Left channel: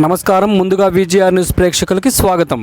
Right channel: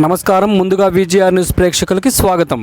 నమస్కారం. ముందుగా VGR news ప్రేక్షకులకి స్వాగతం.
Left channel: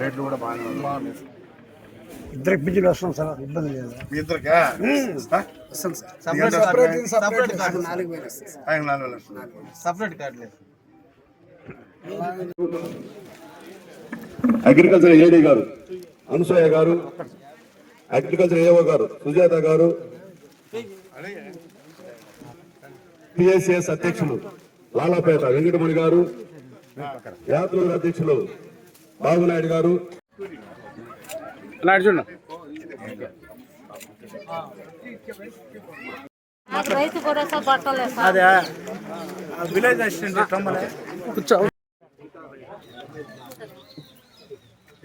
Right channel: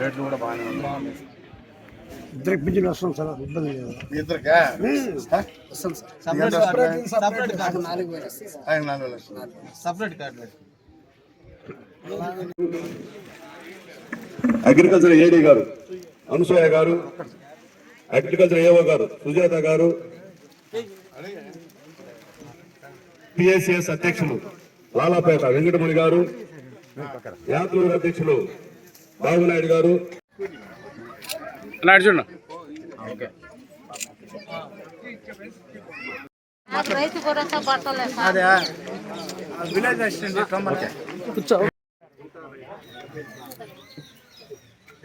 రేట్లు కూడా బాగానే ఉన్నాయి. ఇద్దరికి పింఛన్ వస్తాం సార్, ఇబ్బంది లేదు. ఇద్దరికా అగ్రికల్చర్ ఏడీ గారు అనసూయ గారు, అగ్రికల్చర్ ఏఓ గారు సుజాత గారు, పిఎస్సిఎస్ అధ్యక్షులు లాలాపేట వెంకటమణి గారు, యాత్రికుల అధ్యక్షులు బాబునాయుడు గారు, విలేజ్ అసిస్టెంట్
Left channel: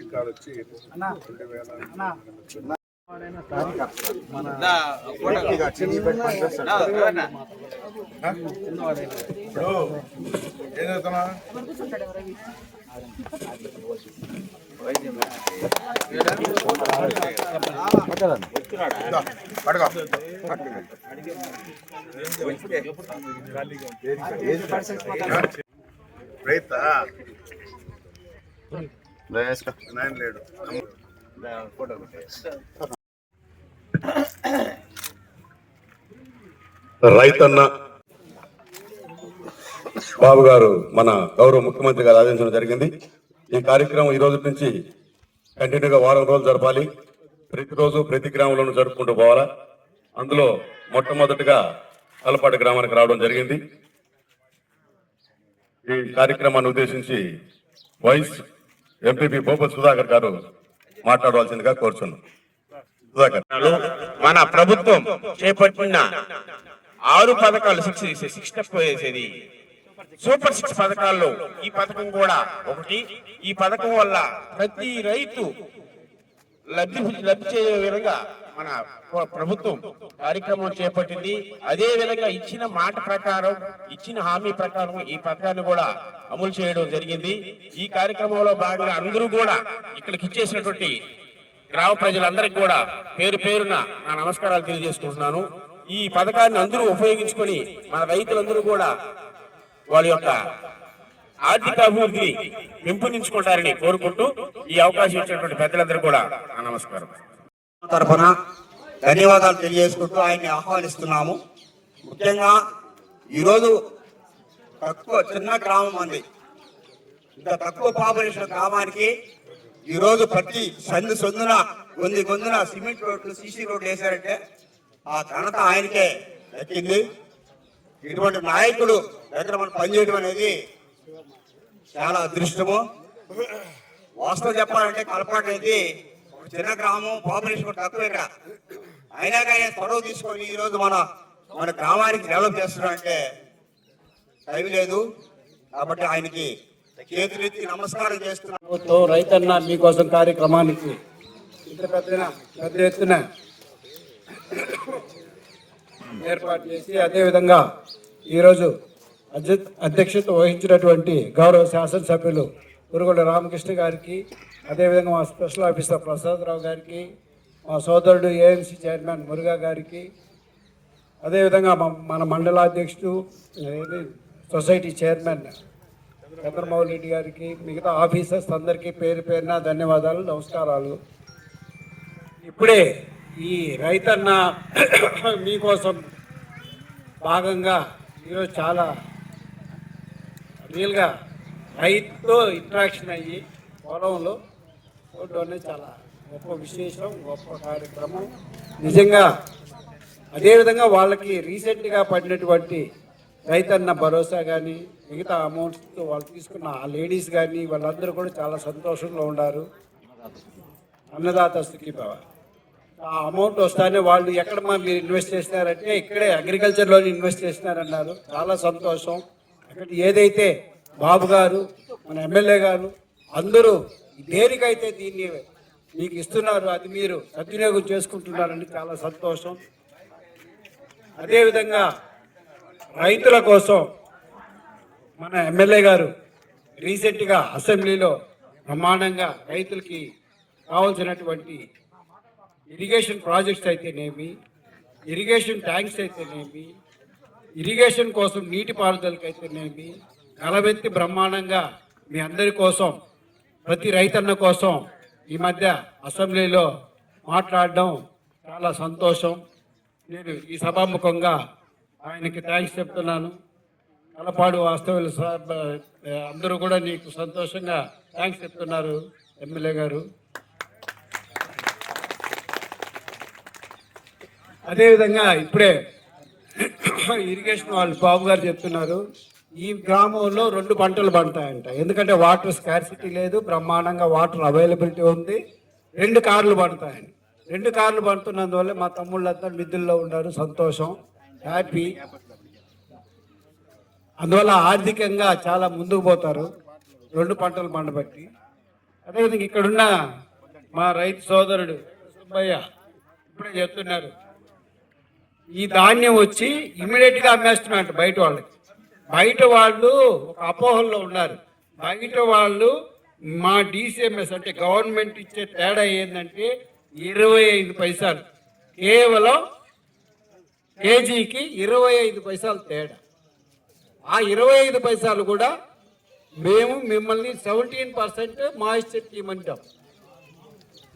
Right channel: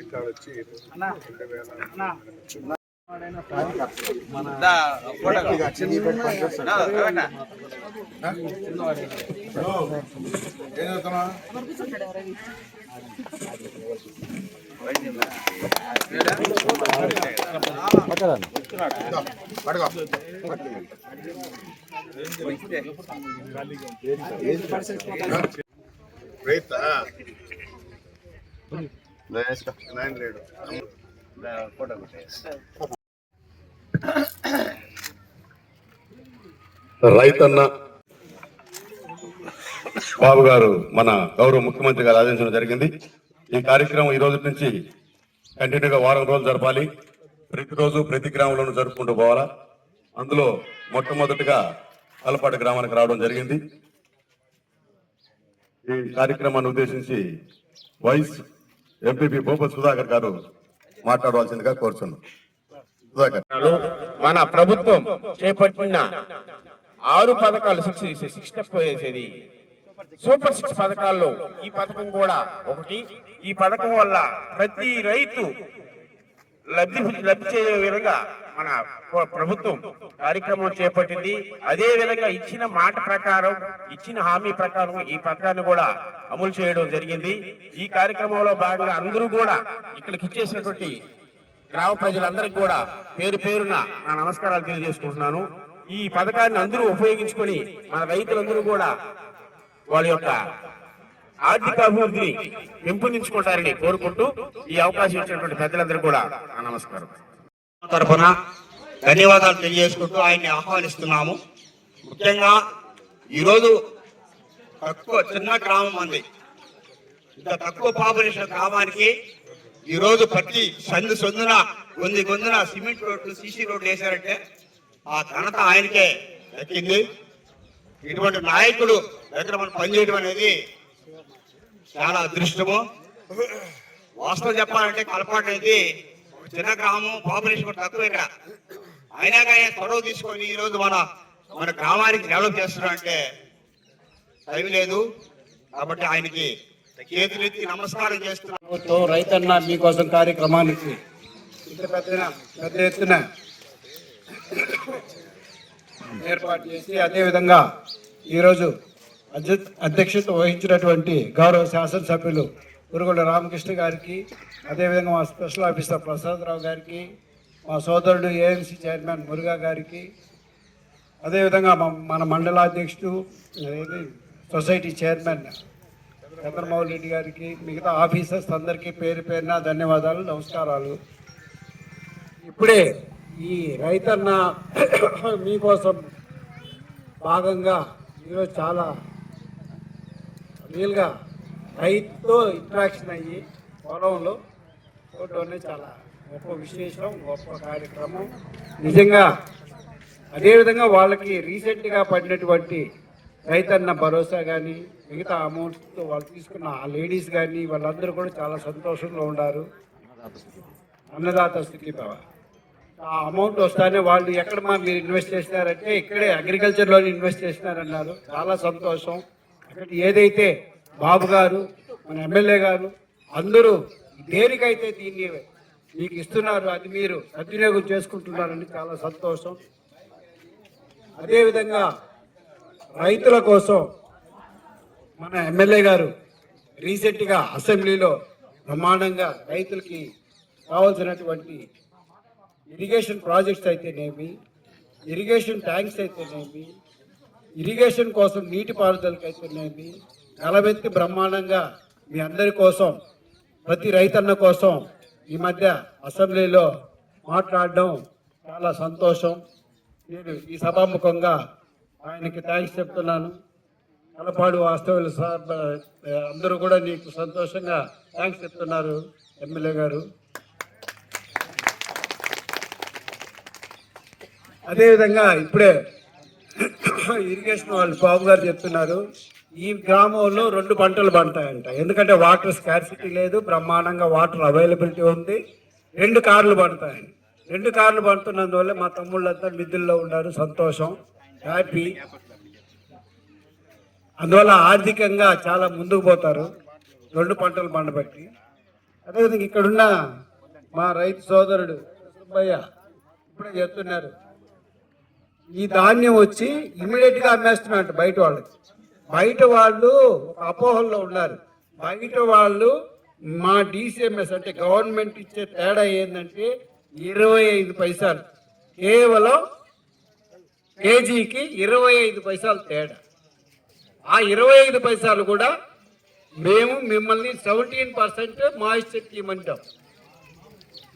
ఇక్కడ వచ్చి ఏం చదువుతున్నా? రైతా నాయన లేడు. రైతన్న బాబు గారు మన గౌరవ ముఖ్యమంత్రి గారు ఆదేశించడం జరిగింది. ఈ కార్యక్రమం ఈ రోజు నుంచి కంటిన్యూగా వారం రోజులు జరపాలి. ప్రతిరోజు ప్రతి గ్రామంలోనూ జరుపుకుంటూ పోవాలా. అందులో మొట్టమొదటిగా కలపాటి గ్రామానికి రావడం జరిగింది. ఈ కార్యక్రమాన్ని ఉద్దేశించి వైస్ ఎంపీపీ భూపతి సుధాకర్ గారు మాట్లాడవలసిందిగా కోరుచున్నాం. సుధాకర్. మన ప్రభుత్వం చేపట్టిన 6 పథకాలు శిక్షణ పోయేసేది సూపర్ 6 పథకాల్లో ఈ పథకం కూడా ఒకటి. ఈ పథకం వల్ల ప్రతి రైతు లబ్ధి చేసే విధంగా మన ప్రభుత్వం కార్యక్రమం చేపట్టింది. అదే విధంగా ఇచ్చిన మాట ప్రకారం, ఇచ్చిన హామీ ప్రకారం ఈ పథకాన్ని కూడా అమలు చేయడం జరిగింది. ఈ కార్యక్రమంలో భాగంగా అందరూ కూడా ఇక్కడికి ఇచ్చేసినటువంటి గ్రామ ప్రజలందరికీ కూడా పేరు పేరున నా నమస్కారాలు తెలియజేసుకుంటున్నాను. ఈ పథకాన్ని అందరూ ఉపయోగించుకొని మన రైతులందరూ కూడా వాళ్ళ యొక్క ఆర్థిక అభివృద్ధిని పెంపొందించుకుంటారని కోరుకుంటూ ఈ అవకాశం ఇచ్చినటువంటి పెద్దలందరూ కూడా నా నమస్కారం తరఫున ధన్యవాదాలు తెలియజేసుకుంటూ ఆయన్ని ఆహ్వానిస్తున్నాము. ముఖ్యంగా ఈరోజు చిన్న గ్రామం ఉంది. ఇంత తక్కువ పాపులేషన్ గ్రామానికి ఈరోజు ప్రతి సందున గొంతున సిమెంట్ రోడ్లు, సీసీ రోడ్లు వేశారంటే ఆ ఘనత ఆయనకే దక్కింది. ఇటువంటి నాయకులు దగ్గర మనం పనిచేయడం అనేది చాలా అదృష్టము. వాస్తవం చెప్పాలంటే కలపాటు అనేది ఒక చిన్న గ్రామం, పాపులేషన్ తక్కువ ఇక్కడ. అయినా కానీ చొరవ తీసుకొని ఈరోజు మన గ్రామానికి డెవలప్ చేస్తున్నారంటే టైం లేదు. కాబట్టి ఆయనకి చేతులెత్తి నమస్కారం చేస్తున్నాము. రైతన్న మీకోసం కార్యక్రమానికి ఇంత పెద్ద ఎత్తున ఏర్పాటు చేసి అదేవిధంగా ఈరోజు అధ్యక్షత వహించినటువంటి గౌరవ శాసనసభ్యులు పురుగుల రామకృష్ణ గారికి, అదేవిధంగా మా స్పెషల్ ఆఫీసర్ ప్రసాదరావు గారికి, మా సోదరుడు ఏఎన్సీ చైర్మన్ మురుగా గారికి, అదేవిధంగా మన మండలాధ్యక్షుడు సొసైటీ చైర్మన్ చంద్రమౌళి రెడ్డి గారికి, మిగతా ఆఫీసర్స్ అందరికీ పేరు పేరున ధన్యవాదాలు, నమస్కారాలు. ఇప్పుడే ఈ రైతన్న మీకోసం భాగంగా ఈరోజు చాలా రియల్గా రైతుతో ఇంట్రాక్షన్ అయ్యి పొలంలో ఫోటోనే చాలా గొప్ప విశేషం, గొప్ప కార్యక్రమం నిజంగా. అదేవిధంగా వాళ్ళకి రీసెంట్గా పడినటువంటి రైతన్న భరోసా కానీ మిగతా అమౌంట్స్ వాళ్ళు తీసుకున్న ఆ లేడీస్ కానీ వాళ్ళందరూ కూడా చాలా సంతోషంగా ఉన్నారు. అన్నదాత సుఖీభవ ఆ అమౌంట్ వస్తానే వాళ్ళు ఎక్కడ మీరు ఇన్వెస్ట్ చేసినారంటే ఇక్కడే అగ్రికల్చర్లో ఇన్వెస్ట్ చేసినారన్నారు. చాలా సంతోషం. అక్కడ ఏదైతే బాబు గారు, మన ఎమ్మెల్యే గారు అందరూ దేనికైతే దీన్ని మీకు ఇస్తున్నారు అది మీరు సద్వినియోగం చేసుకుంటున్నారని చాలా సంతోషం. అదేవిధంగా రైతుల కోసం మన ఎమ్మెల్యే గారు రీసెంట్గా అసెంబ్లీలో బ్రహ్మాండంగా రైతులకి కావాల్సినటువంటి ఇరిగేషన్ ప్రాజెక్ట్స్ అయితేనేమి, ఇరిగేషన్ ట్యాంక్స్ అయితేనేమి, ఇరిగేషన్ కోసం నీటిపారుదలకి అయితేనేమి కలబెత్తి బ్రహ్మాండంగా మీ అందరి కోసం, ప్రతి రైతన్న కోసం ఈ మధ్య అసెంబ్లీలో మాట్లాడడం చాలా సంతోషం. నేను ఈ సభాముఖంగా ఆయనకి థ్యాంక్స్ చెప్తున్నాను. కలపాడు వాస్తవులు అందరూ కూడా నీకు సంతోషంగా థ్యాంక్స్ చెప్తున్నారు ఎమ్మెల్యే గారు. అదేవిధంగా ఇప్పుడే ఇరిగేషన్ వాళ్ళు బాబు గారు చెప్తున్నారు ఈ గ్రామంలో 2 పంటలు పండుతాయంట. ఎందుకంటే వాటర్ స్కార్సిటీ లేదు, బ్రహ్మాండంగా వాటర్ అవైలబిలిటీ ఉంది. 2 కార్లు పండుతాయని. 2 కార్లు పండుతున్నందువల్ల మా తమ్ముళ్ళంతా మిద్దుల్లో ఉన్నారు. సంతోషం, హ్యాపీ. అందువల్ల ఆర్థికంగా చాలా ముందుకు పోతారు 2 పంటలు పండబట్టి. అదేవిధంగా ఇక్కడున్న మా రైతు సోదరుడు సుబ్బయ్య ఇప్పుడే చెప్తున్నారు ఈ ధాన్యం వచ్చి ఇమీడియట్గా అమ్మేస్తున్నట్టు బయట వాళ్ళకి. బయట వాళ్ళు ఒక అపోహల్లో ఉన్నారు. బయట వాళ్ళు మా డిసిఎంఎస్ అంటే గవర్నమెంట్ ఇచ్చే తేడా ఏంటంటే 25 పైసలు, కేవలం కేజీకి 25 పైసలు తేడా. ఆ 25 పైసలు కూడా మేము మిమ్మల్ని 17% మాయిశ్చర్ ఇవ్వమంటాం.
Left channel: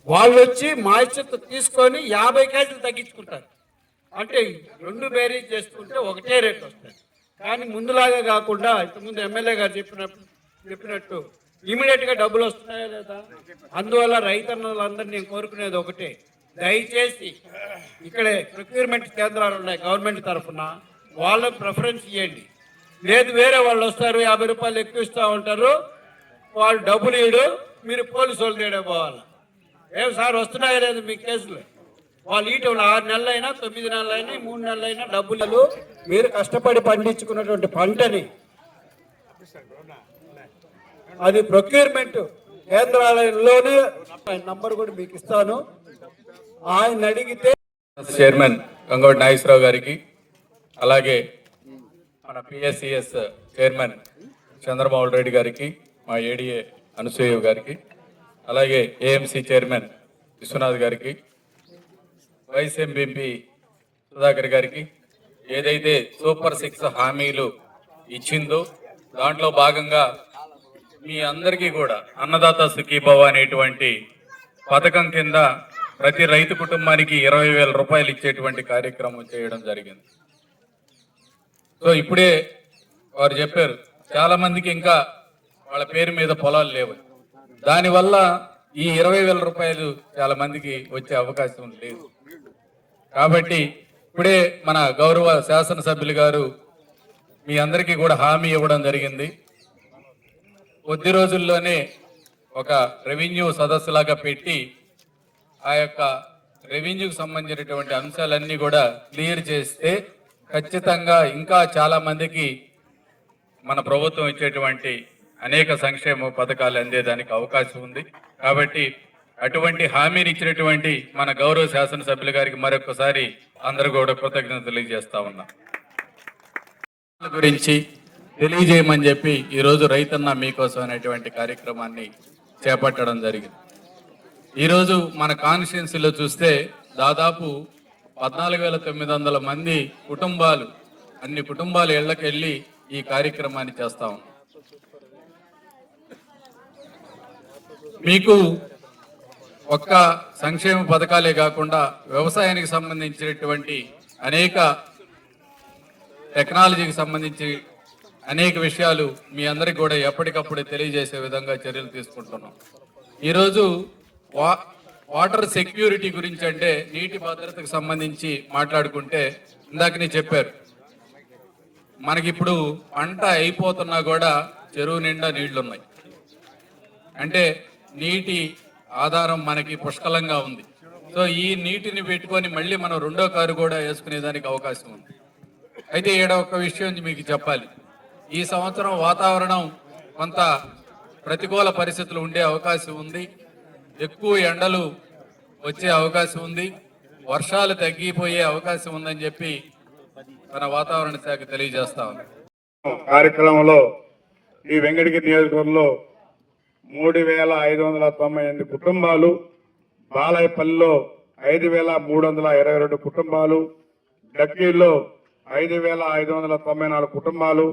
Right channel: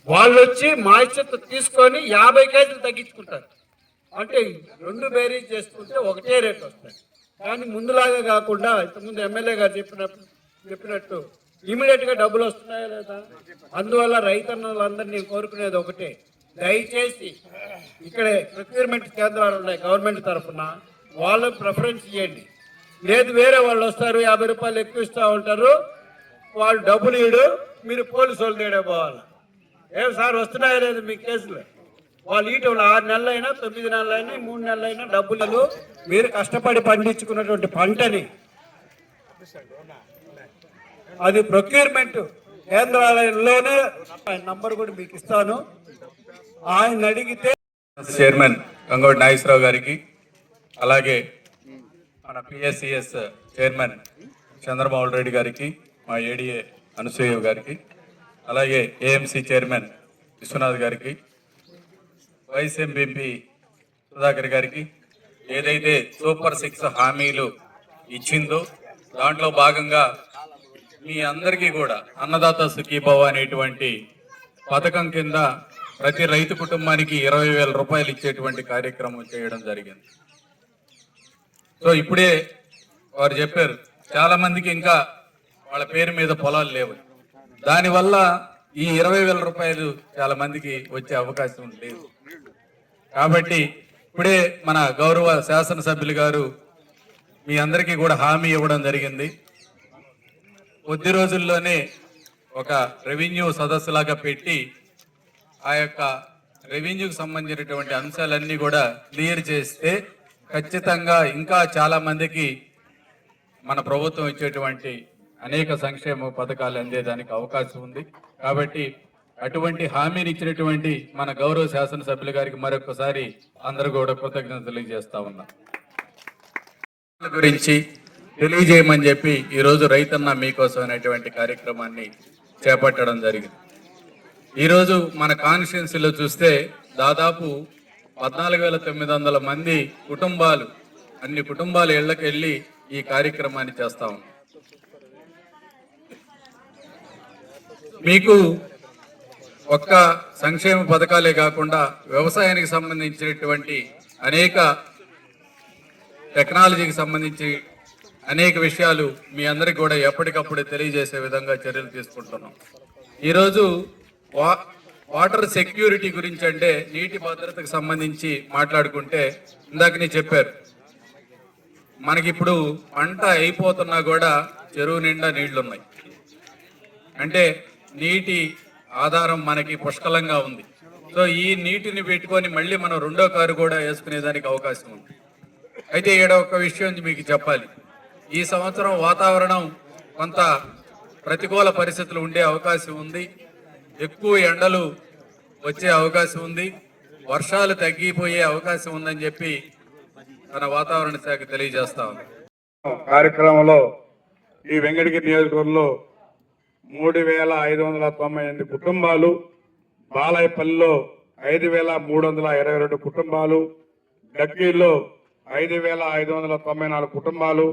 వాళ్ళు వచ్చి మాయిశ్చర్ తీసుకొని 50 కేజీలు తగ్గించుకుంటారు. అంటే 2 బేరీజ్ చేసుకుంటే ఒకటే రేట్ వస్తుంది. కానీ ముందులాగా కాకుండా ఇంతకుముందు ఎమ్మెల్యే గారు చెప్పినట్టు ఇమీడియట్గా డబ్బులు వస్తున్నాయో లేదా. అందువల్ల రైతన్నులందరినీ నేను కోరుకునేది ఒకటే, దయచేసి ఇక్కడే ప్రొక్యూర్మెంట్ కేంద్రాలు ఉన్నాయి గవర్నమెంట్ తరఫున, వాళ్ళకి ప్రిఫరెన్స్ ఇవ్వండి. లేదు వేరే వాళ్ళు వస్తారు 50 రూపాయలు ఎక్కువ ఇస్తూ ఉంటారు, వాళ్ళు డబ్బులు ఇవ్వడు, మీరు పోలీసు వాళ్ళు తేడా పోవాలి. ఏం సార్ వస్తున్నాయో లేదు మీ కేసులు, వాళ్ళు ఇటీవల 6 నెలలైనా 9 నెలలైనా 3 నెలలైనా డబ్బులు మీరు కష్టపడి పండించుకున్నటువంటి పంటని అది ప్రొక్యూర్మెంట్ కేంద్రాలయంలోనే నంబర్ కూడా మీకు ఇస్తాను. ఆయన అడిగితే చైర్మన్ గంగోడి నాగేశ్వరరావు గారికి, అలాగే మన పిఎస్సిఎస్ చైర్మన్ చంద్రమోహన్ రెడ్డి గారికి, మా ఏడీఏ అనసూయ గారికి, అలాగే ఏఎంసీ చైర్మన్ విశ్వనాథ్ గారికి, వైస్ ఎంపీ సుధాకర్ గారికి, ఏదైతే సూపర్ 6 హామీలు ఇచ్చిందో దాంట్లో భాగంగా మీ అందరికీ కూడా అన్నదాత సుఖీభవ అనేటువంటి పథకం కింద ప్రతి రైతు కుటుంబానికి 20,000 రూపాయలు ఇచ్చేటువంటి కార్యక్రమం చేయడం జరిగింది. సో ఇప్పుడే వారు చెప్పారు, చాలా మందికి ఇంకా వాళ్ళ పేరు మీద పొలాలు లేవు. దానివల్ల ఈ 20,000 రూపాయలు చాలా మందికి వచ్చే అవకాశం లేదు. కాబట్టి ఇప్పుడే మన గౌరవ శాసనసభ్యులు గారు మీ అందరికీ కూడా హామీ ఇవ్వడం జరిగింది. కొద్ది రోజుల్లోనే ఒక రెవెన్యూ సదస్సులాగా పెట్టి ఆ యొక్క రెవెన్యూకి సంబంధించినటువంటి అంశాలన్నీ కూడా క్లియర్ చేస్తే ఖచ్చితంగా ఇంకా చాలా మందికి మన ప్రభుత్వం ఇచ్చేటువంటి అనేక సంక్షేమ పథకాలు అందేదానికి అవకాశం ఉంది. కాబట్టి అటువంటి హామీని ఇచ్చినటువంటి మన గౌరవ శాసనసభ్యుల గారికి మరొకసారి అందరూ కూడా కృతజ్ఞతలు తెలియజేస్తా ఉన్నాం. గురించి తెలియజేయమని చెప్పి ఈరోజు రైతన్న మీకోసం అనేటువంటి కార్యక్రమాన్ని చేపట్టడం జరిగింది. ఈరోజు మన కాన్స్టిట్యున్సీలో చూస్తే దాదాపు 14,900 మంది కుటుంబాలు, అన్ని కుటుంబాల ఇళ్లకు వెళ్ళి ఈ కార్యక్రమాన్ని చేస్తా ఉన్నాం. మీకు ఒక్క సంక్షేమ పథకాలే కాకుండా వ్యవసాయానికి సంబంధించినటువంటి అనేక టెక్నాలజీకి సంబంధించి అనేక విషయాలు మీ అందరికి కూడా ఎప్పటికప్పుడు తెలియజేసే విధంగా చర్యలు తీసుకుంటున్నాం. ఈరోజు వాటర్ సెక్యూరిటీ గురించి, అంటే నీటి భద్రతకు సంబంధించి మాట్లాడుకుంటే ఇందాకనే చెప్పారు, మనకిప్పుడు పంట అయిపోతున్నా కూడా చెరువు నిండా నీళ్లున్నాయి. అంటే నీటి ఆధారం మనకి పుష్కలంగా ఉంది. సో ఈ నీటిని పెట్టుకొని మళ్ళీ మనం రెండో కారు కూడా వేసుకునేదానికి అవకాశం ఉంది. అయితే ఈడ ఒక విషయం మీకు చెప్పాలి, ఈ సంవత్సరం వాతావరణం కొంత ప్రతికూల పరిస్థితులు ఉండే అవకాశం ఉంది. ఎక్కువ ఎండలు వచ్చే అవకాశం ఉంది, వర్షాలు తగ్గిపోయే అవకాశం ఉందని చెప్పి మన వాతావరణ శాఖ తెలియజేస్తా ఉంది. కార్యక్రమంలో ఈ వెంకటగిరి నియోజకవర్గంలో 3,598 కుటుంబాలు, బాలాయపల్లిలో 5,322 కుటుంబాలు, గట్కీల్లో 5,594 కుటుంబాలు,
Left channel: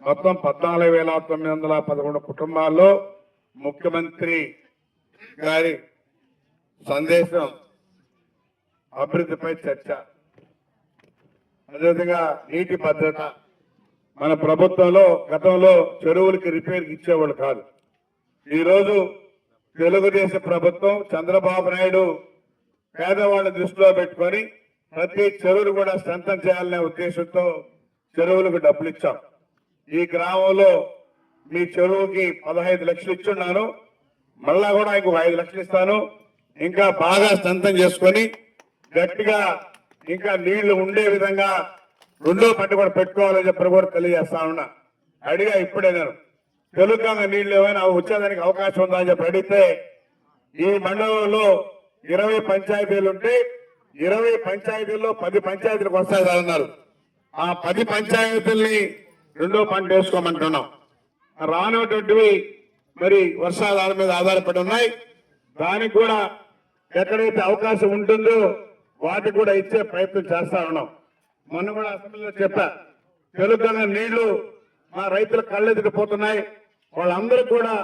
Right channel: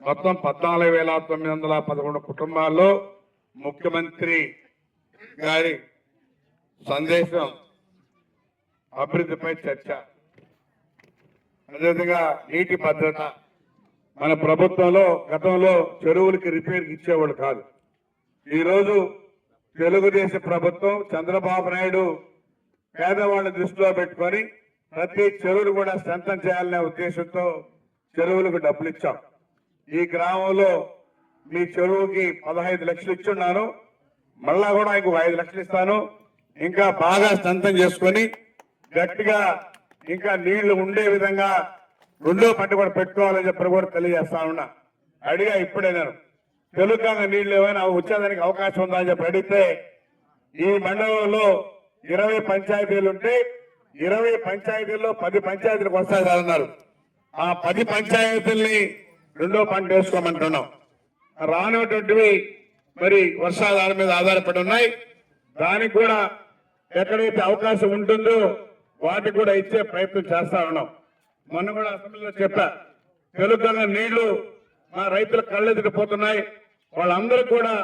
మొత్తం 14,911 కుటుంబాల్లో ముఖ్యమంత్రి గారి సందేశం అభివృద్ధిపై చర్చ, అదేవిధంగా నీటి భద్రత. మన ప్రభుత్వంలో గతంలో చెరువులకి రిపేర్కి ఇచ్చేవాళ్ళు కాదు. ఈరోజు తెలుగుదేశం ప్రభుత్వం, చంద్రబాబు నాయుడు పేదవాళ్ళ దృష్టిలో పెట్టుకొని ప్రతి చెరువులు కూడా స్ట్రెంథన్ చేయాలనే ఉద్దేశంతో చెరువులకు డబ్బులు ఇచ్చాం. ఈ గ్రామంలో మీ చెరువుకి 15 లక్షలు ఇచ్చున్నాను, మళ్ళా కూడా ఇంకో 5 లక్షలు ఇస్తాను. ఇంకా బాగా స్ట్రెంథన్ చేసుకొని గట్టిగా ఇంకా నీళ్లు ఉండే విధంగా రెండో పంట కూడా పెట్టుకోవాలని చెప్పి కూడా తెలియజేస్తా ఉన్నా. అడిగా ఇప్పుడే నేను, తెలుగుగా నీళ్లు ఏమైనా వచ్చేదానికి అవకాశం ఉందా అని చెప్పి అడిగితే, ఈ మండలంలో 20 పంచాయతీలు ఉంటే 20 పంచాయతీల్లో 10 పంచాయతీలకు వస్తాయన్నారు. ఆ 10 పంచాయతీల్ని రెండో పంట వేసుకోమంటున్నాం. రానటువంటివి మరి వర్షాధారం మీద ఆధారపడి ఉన్నాయి. దానికి కూడా ఎక్కడైతే అవకాశం ఉంటుందో వాటికి కూడా ఇచ్చే ప్రయత్నం చేస్తా ఉన్నాం. మొన్న కూడా అసెంబ్లీలో చెప్పా, తెలుగుగా నీళ్లు మా రైతుల కళ్ళెదిగిపోతున్నాయి, వాళ్ళందరూ కూడా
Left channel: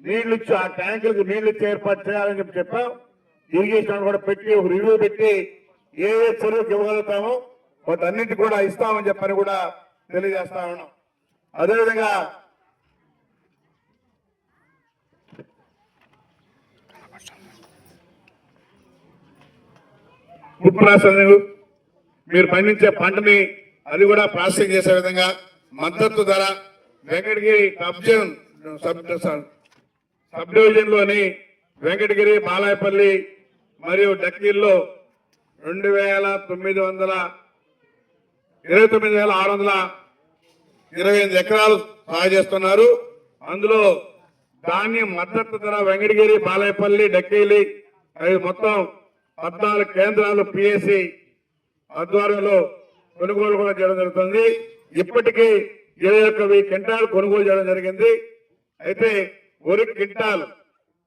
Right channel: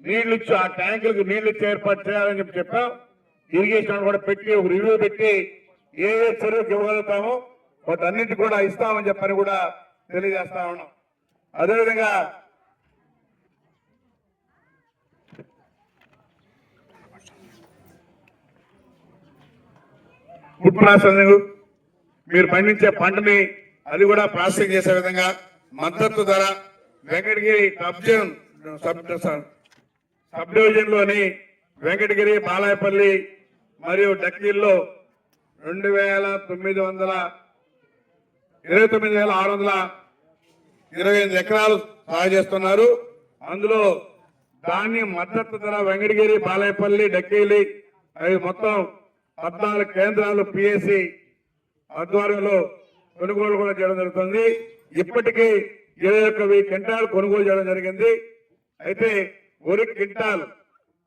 నీళ్లు ఇచ్చి ఆ ట్యాంకులకు నీళ్లు ఇచ్చి ఏర్పాటు చేయాలని చెప్పి చెప్పాం. ఇరిగేషన్ కూడా పెట్టి ఒక రివ్యూ పెట్టి ఏ చెరువుకి ఇవ్వగలుగుతామో వాటన్నిటి కూడా ఇస్తామని చెప్పని కూడా తెలియజేస్తా ఉన్నాం. అదేవిధంగా ఫుడ్ ప్రాసెసింగ్, మీరు పండించే పంటని అది కూడా ప్రాసెసింగ్ చేసే విధంగా మద్దతు ధర వెంకటగిరి సబ్ డివిజన్ లోని వెంకటగిరి, బాలాయపల్లి మరియు డక్కీల్లో 29,628 ఎకరాలు సాగు చేస్తున్నారు. అందులో ధాన్యం మద్దతు ధర వెంకటగిరి, బాలాయపల్లి, డక్కీలి అవి మొత్తం 14 కేంద్రాలు పిఎస్సి ఆధ్వర్యంలో కొనుగోలు కూడా చేయడం జరుగుతుంది. ఇప్పటికీ 21,000 క్వింటాలు కొనుగోలు చేయడం జరిగింది. అయితే వరి క్వింటాల్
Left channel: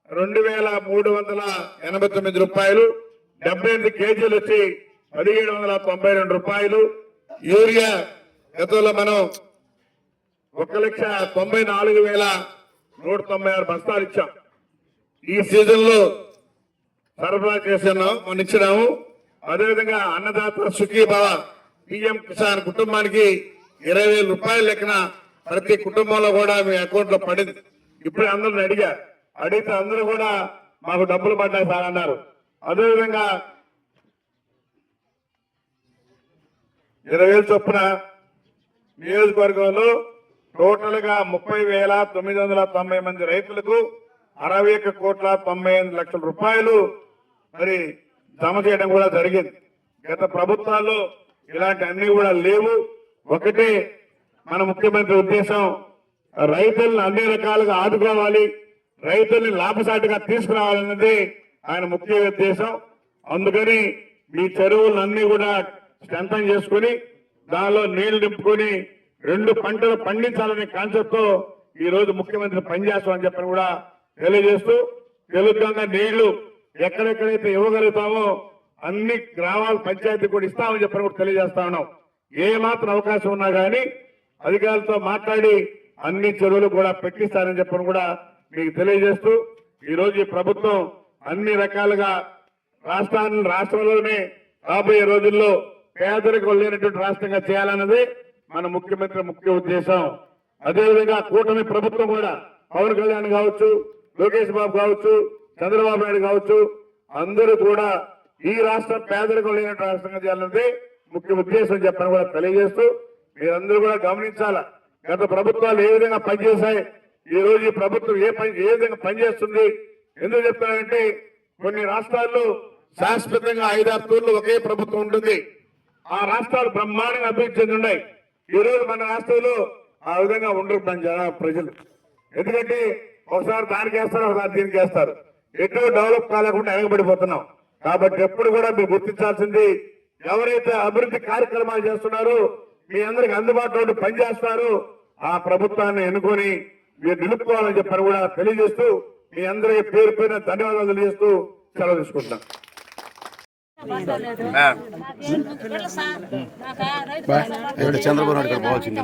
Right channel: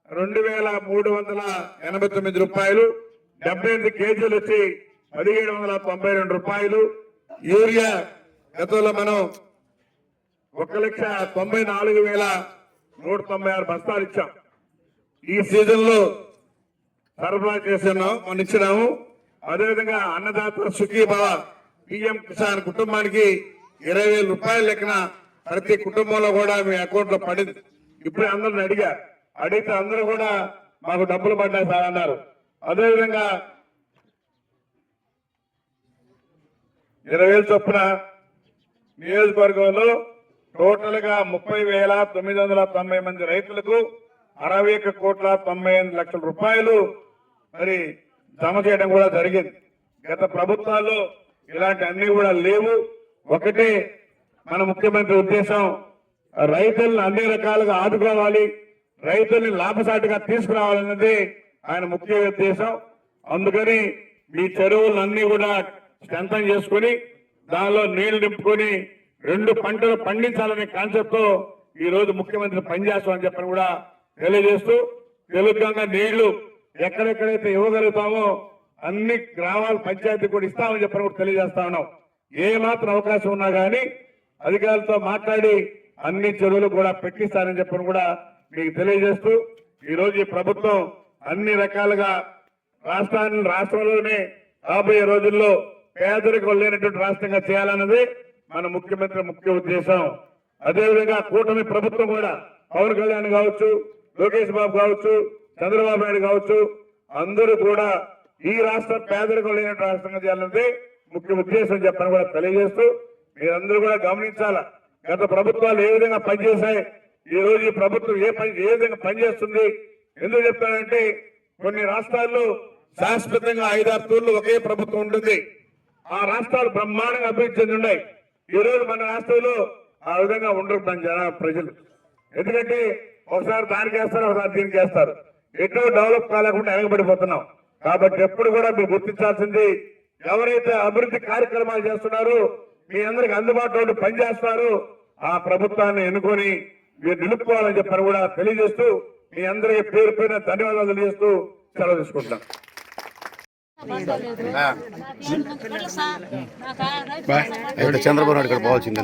2,389 రూపాయలు, 78 కేజీలు వచ్చి 1,792 రూపాయలు. యూరియా గతంలో మనం 1,94,196 బస్తాలు ఇచ్చాం. ఈ సీజన్ లో సరఫరా చేస్తున్నాం, మనం ఇచ్చినాము. అదేవిధంగా అన్నదాత సుఖీభవ పిఎం కిసాన్ కుటుంబానికి 20,000 రూపాయల లెక్కన ప్రతి కుటుంబంలో కూడా మీ అకౌంట్ లో పడింది. ఇప్పుడే అందరిని అడిగితే అందరూ కూడా మాకు డబ్బులు పడ్డాయి సార్ అన్నారు. అదేవిధంగా 20,000 చొప్పున నియోజకవర్గంలో టోటల్ గా 30,990 మంది రైతులకు 61,98,00,000 రూపాయలు మరి జమ చేయడం కూడా జరిగింది. గత ప్రభుత్వాల్లో ఇలాంటి అన్ని కూడా లేవు. ఒకటి మన ముఖ్యమంత్రి ఉద్దేశం, రైతులను అన్ని రకాలుగా ఆదుకోవాలి, రైతుల్ని లాభసాటిగా తీసుకురావాలన్నది ఆయన ముఖ్య ఉద్దేశం. అందుకని మీ చెరువులన్నీ కూడా స్ట్రెంథన్ చేసుకుని దానిలో నీళ్లు నింపుకొని 2 పంటలు పండించాలనే కాన్సెప్ట్ తో ఈ రోజు ముఖ్యమంత్రి పనిచేస్తామని చెప్పని కూడా తెలియజేస్తూ, తెలుగుగా నీళ్లు ఎక్కడెక్కడైతే ఇవ్వగలుగుతామో అన్ని గ్రామాల పంచాయతీ కూడా ఇస్తామని చెప్పని కూడా తెలియజేస్తా ఉన్నాం. ఏ మాత్రం అవకాశం ఉన్నా కానీ అధికారులతో మాట్లాడి అన్ని చెరువులు కూడా పెట్టిస్తారని చెప్పని కూడా మీకు తెలియజేస్తూ, ఈ రోజు ఈ ప్రభుత్వం అన్ని రకాలుగా రాష్ట్రంలోనే రాబోయే రోజుల్లో పేదరికం లేనటువంటి రాష్ట్రంగా చేయాలన్నది మన ముఖ్యమంత్రి ముఖ్య ఉద్దేశం. అదేవిధంగా కూటమి ప్రభుత్వం కూడా పవన్ కళ్యాణ్ కావచ్చు, లోకేష్ బాబు కావచ్చు, చంద్రబాబు నాయుడు కావచ్చు, అందరూ కూడా ఈ రాష్ట్రం పేదరికం లేని రాష్ట్రంగా చేయాలన్నది ముఖ్య ఉద్దేశం చెప్పని కూడా తెలియజేస్తూ, మీరందరూ కూడా గమనించాల గత ప్రభుత్వాలు ఏ విధంగా పనిచేశాయి, ఈ రోజు ఈ ప్రభుత్వం ఏ విధంగా పనిచేస్తుంది. ఎందుకు చెప్తానంటే కొన్ని రాష్ట్రాల్లో శాశ్వతంగా 5-6 తూర్లు ఒకే ప్రభుత్వం ఉంటుంది. ఆ రాష్ట్రాలు బ్రహ్మాండంగా అభివృద్ధి చెంది ఉన్నాయి. ఈ రోజు మన రాష్ట్రంలో ఆ విధంగా ఉండరు ప్రజలు. ఎందుకంటే ఒకసారి దానికి వేస్తారు, ఒకసారి దీనికి వేస్తారు. ఎటు డెవలప్ కాలేకుండా ఎగబడిపోతున్నాం. కాబట్టి ఎప్పుడు కూడా మీరు గుర్తించాల్సింది, ఎవరైతే అభివృద్ధి కార్యక్రమాలు చేస్తున్నారో మీ అందరికి అందుబాటులో పనిచేస్తారో ఆ ప్రభుత్వాన్ని ఎన్నుకొని మీరు నిలుపుకోవాలని చెప్పని కూడా తెలియజేస్తూ, మీ అందరికీ పేరు పేరున ధన్యవాదాలు తెలియజేస్తూ సెలవు తీసుకుంటాం. చంద్రబాబు నాయుడు గారు పోవాల్సిందే.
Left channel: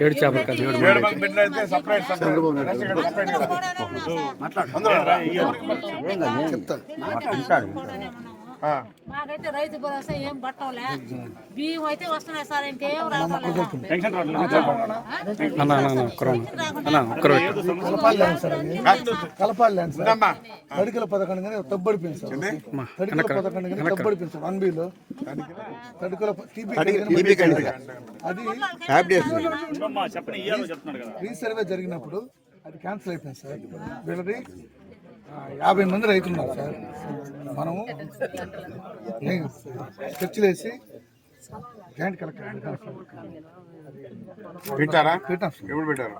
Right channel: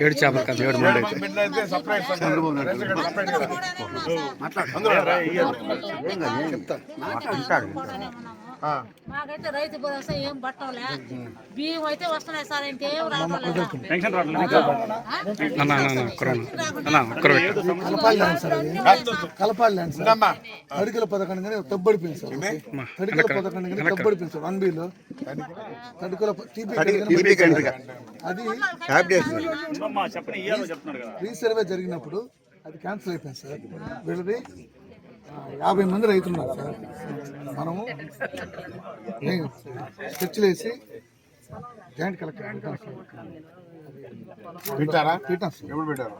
7 చేపలు కదా మాకైతే రైతు భరోసా ఏం పట్టంలే, బియ్యం అయితే వస్తున్నాయి సార్, ఇంకేం రావడం లేదా. కలపాలి తడికల పథకం కానీ తబ్బడిపోయింది సార్. తడికల పథకం కానీ తబ్బడిపోయింది సార్. 1Bలో తడికల అది రీసర్వే జరిగినప్పుడు అది క్యాన్సిల్ అయిపోయింది సార్. వీళ్ళది 50 మంది రైతులు ఉన్నారు సార్. మనము స్కెచ్లు వేసి జాయింట్ కలెక్టర్ పెట్టాం సార్. పెట్టారా? పెట్టాం సార్. ఎప్పుడు పెట్టారు?